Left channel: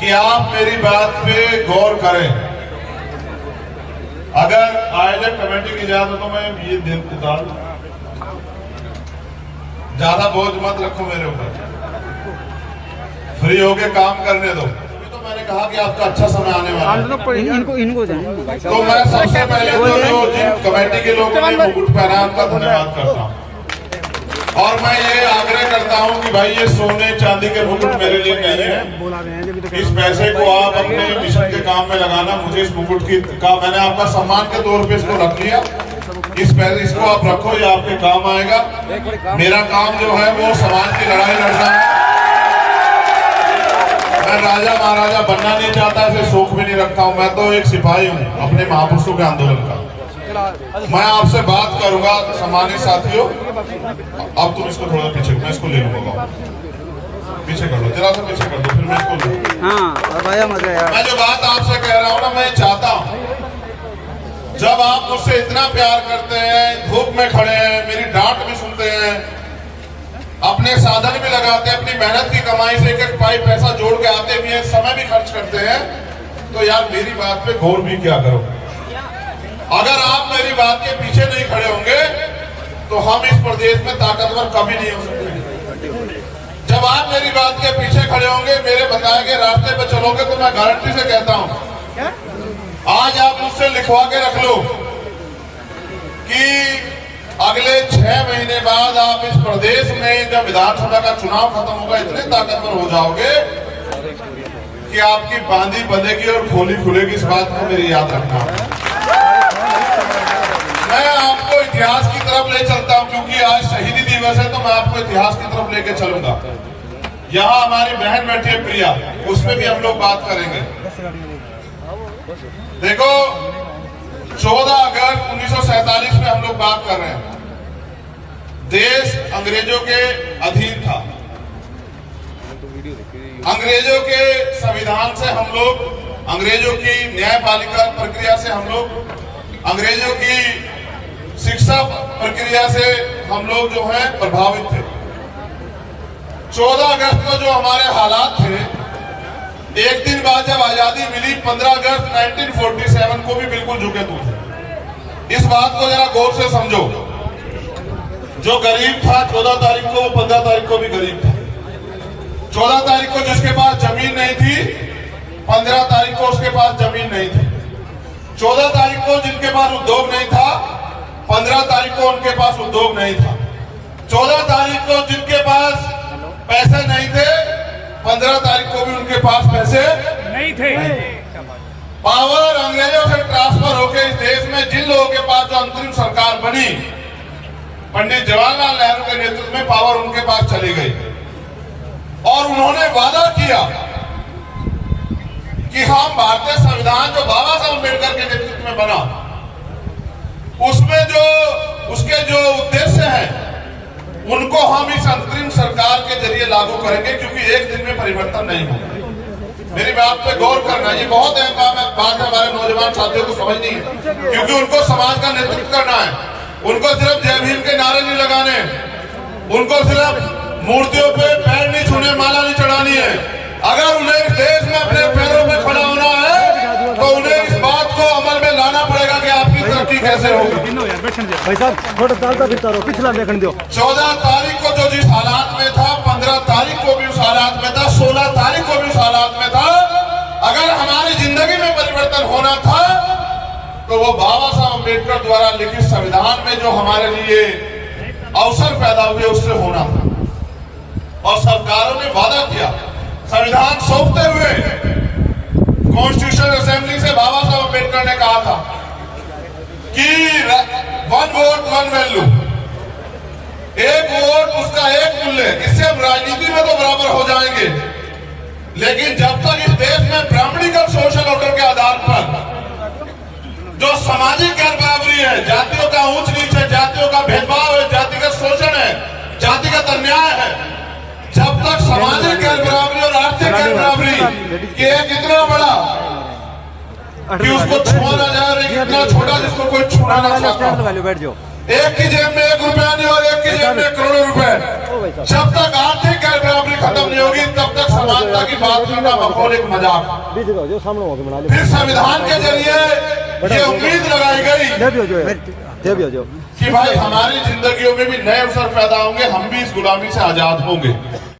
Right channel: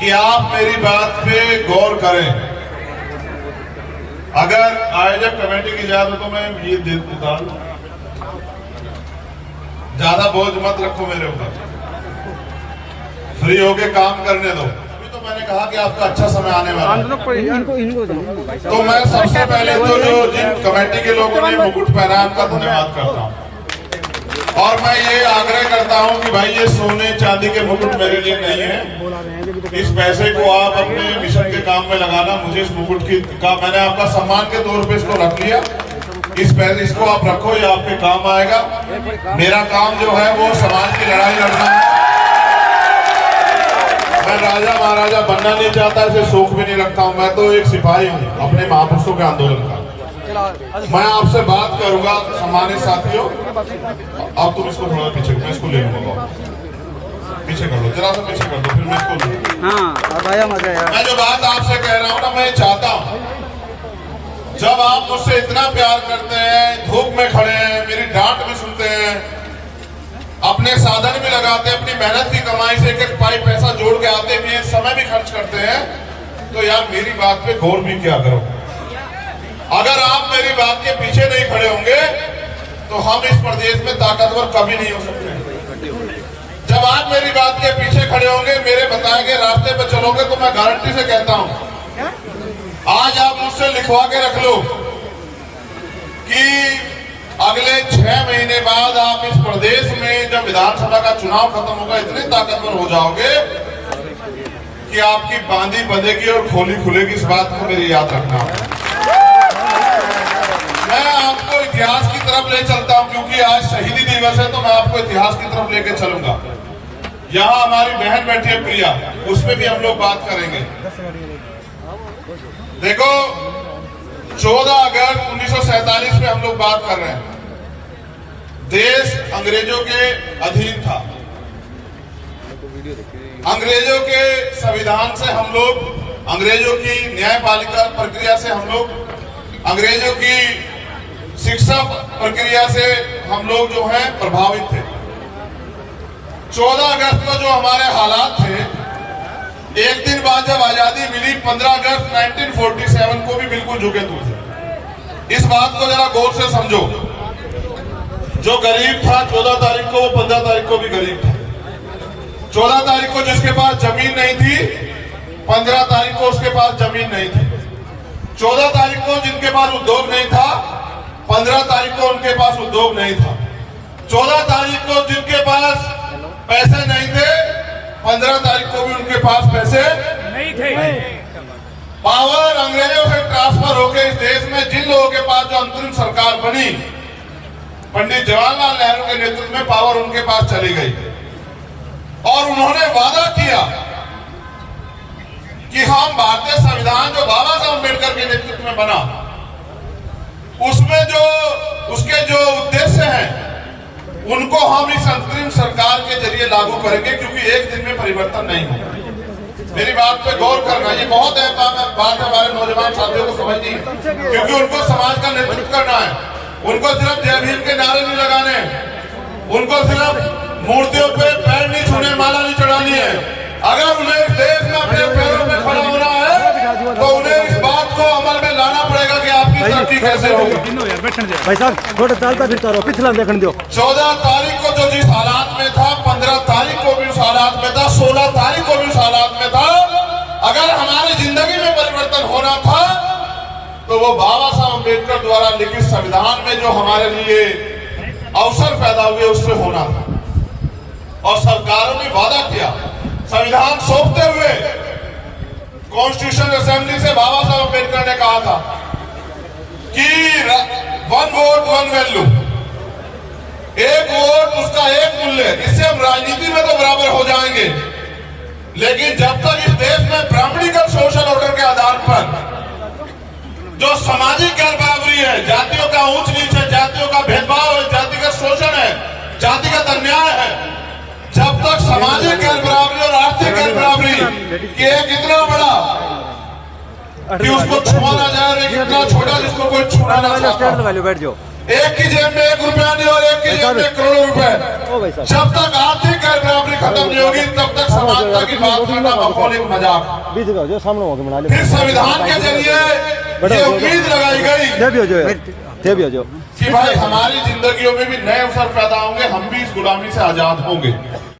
कि आप मेरी बात पे गौर करें। अगर आयोजक कमेटी की इजाजत तो मैं ये देता हूं, ज्यादा बोझ मत रखो मेरे ऊपर, फ्री होके काम करने दो। तो मैंने कहा कि आपका अच्छा समय आने वाला है। इनको तो मैं सबसे पहले तो जो जिन कमेटी के लोगों ने मुकुट पहना उनका धन्यवाद करता हूँ, और मैं ये आग्रह करता हूँ कि भाई ये सोने चांदी के मुकुट मेरे लिए नहीं है। इस पैसे को आप अपने मिशन के काम में लगाना। मुझे इस मुकुट का मैंने आपका सम्मान के तौर पे इसको रख लिया। इस पैसे इसको आप रखो, ये आपके काम आएगा। मेरा काम जो है वो समाज की लड़ाई लड़ना है। मैं राजा महाराजा बनना नहीं चाहता, इसे शौक भी नहीं रखता हूँ। मैं तो एक सिपाही हूँ अपने महापुरुषों के आंदोलन का। मैं आपसे बात करूंगा सम्मानित साथियों। अब तुम इसको थोड़ा पीछे, मैं इसको ले लूंगा, पीछे कर लो, जरा सा पीछे कर दो, फिर मैं इसको लूंगा। हाँ राजा मजा यार। मैं जो बात आपसे कह रहा हूँ ना, मैं चाहता हूँ जब आप मुझसे इतना प्यार करते हैं, धूप में खड़े हैं, मेरी डांट भी सुनते हैं, अपने साधन भी लगाते हैं, अपनी मेहनत की कमाई से एक एक पाई पैसा जोड़ के आते भी हैं, समय भी खर्च करते हैं, तो यार मेरी बात पे गौर भी क्या करो। अगर आप मेरी बात के पीछे नहीं खड़े होंगे तो हम इस प्रदेश में ताकतवर कभी नहीं हो सकते। जब आप मेरी बात के पीछे खड़े होंगे, मेरे बताए गए रास्ते पे चलोगे, तो मैं गारंटी से कहता हूं, आज आप मुझसे लिखवा के रख लो कि अगले 6 महीने बाद आप इस प्रदेश में जब विधानसभा का चुनाव खत्म होगा, इतने ताकतवर हो जाओगे कि आपकी बांधी बंधेगी और खोली खुलेगी। इस बात को मेरी याद रखना। मैं आपको इतिहास की तरफ ले चलता हूं, क्योंकि आज शहीदी दिवस है, तो मैं आपको इतिहास की तरफ लेके चलूंगा। यहाँ हमारी बहन बैठी है प्रिया, उसमें भी हम लोग बात करेंगे। देखो 14 अगस्त 1947 में हम लोग बात कर रहे हैं। देश अंग्रेजों के अधीन था। अंग्रेजों के संविधान से हम लोग, अंग्रेजों की न्यायपालिका प्रक्रिया से हम लोग, अंग्रेजों की शिक्षा प्रक्रिया से हम लोग जो है प्रभावित थे। 14 अगस्त को जो हमारे हालात थे, एक दिन बाद जब आजादी मिली 15 अगस्त 1947 को भी बिल्कुल झुके तू थे। इस बात को जरा गौर से समझो। जो गरीब था 14 तारीख को, वो 15 तारीख को भी गरीब था। 14 तारीख को जिसके पास जमीन नहीं थी, 15 तारीख को उसके पास जमीन नहीं थी। 14 तारीख को जिनके पास उद्योग नहीं था, 15 तारीख को उनके पास उद्योग नहीं था। 14 तारीख को जिनके पास पैसे नहीं थे, 15 तारीख को भी उनके पास पैसे नहीं थे। पावर अंग्रेजों से ट्रांसफर होकर इस देश में जिन लोगों के पास जो अंतरिम सरकार बनी, पंडित जवाहरलाल नेहरू के नेतृत्व में पावर उनके पास चली गई, और उन्होंने वादा किया कि हम भारतीय संविधान जो बाबा साहब अम्बेडकर के नेतृत्व में बना, उसमें जो उसके जो उद्देश्य हैं, उनको हम इस अंतरिम सरकार के जरिए लागू करेंगे, क्योंकि एक दिन में परिवर्तन नहीं होगा। मेरी बात पे गौर करना, ये बहुत अहम बात हमारे नौजवान साथियों को समझनी है, क्योंकि उनको समाज का नेतृत्व करना है। उनको सिर्फ जय भीम के नारे नहीं लगाने, उनको सिर्फ मूर्तियों पे पैर नहीं छूने, माला नहीं चढ़ानी है। अगर उन्हें इस देश में अपने पैरों में खड़ा होना है, तो उन्हें इस बात को अमल में लाना पड़ेगा कि आपकी तरक्की कैसे होगी। 14 तारीख को जो जिस हालात में था, 15 तारीख को भी उस हालात में था, 16 तारीख को भी उस हालात में था। अगर हमारी जिंदगी में परिवर्तन होना था, तो वो बाबा साहब अम्बेडकर द्वारा लिखित संविधान में जो हमारे लिए अवसर पैदा हुए, उससे होना था। और सरकारों ने वादा किया, संविधान सौंपते हुए कॉन्स्टिट्यूशन असेंबली से बाबा साहब अम्बेडकर ने कहा था कि 1 वोट 1 वैल्यू, एक वोट उसका एक मूल्य। इससे हम राजनीति में तो बराबर हो जाएंगे, लेकिन जब तक इस देश में ब्राह्मणिकल सोशल ऑर्डर के आधार पर जो सामाजिक गैर बराबरी है, जातियों का ऊंच नीच है, जातियों का भेदभाव है, जातिगत शोषण है, जातिगत अन्याय है, जब तक सामाजिक गैर बराबरी और आर्थिक गैर बराबरी कि एक इतना बड़ा कि उसको छुआ ना जाए, एक इतना छोटा जिसको कोई छूना ना चाहता, एक की जेब में 1 रुपया नहीं और एक की जेब में करोड़ों रुपए। जब तक आर्थिक गैर बराबरी खत्म नहीं होगी तब तक समानता की बात करना माहौल एक मजाक। फिर संविधान के जरिए ये उम्मीद लगाई गई कि भाई हमारी जिंदगियों में भी नए अवसर पैदा होंगे, हम भी इस गुलामी से आजाद होंगे।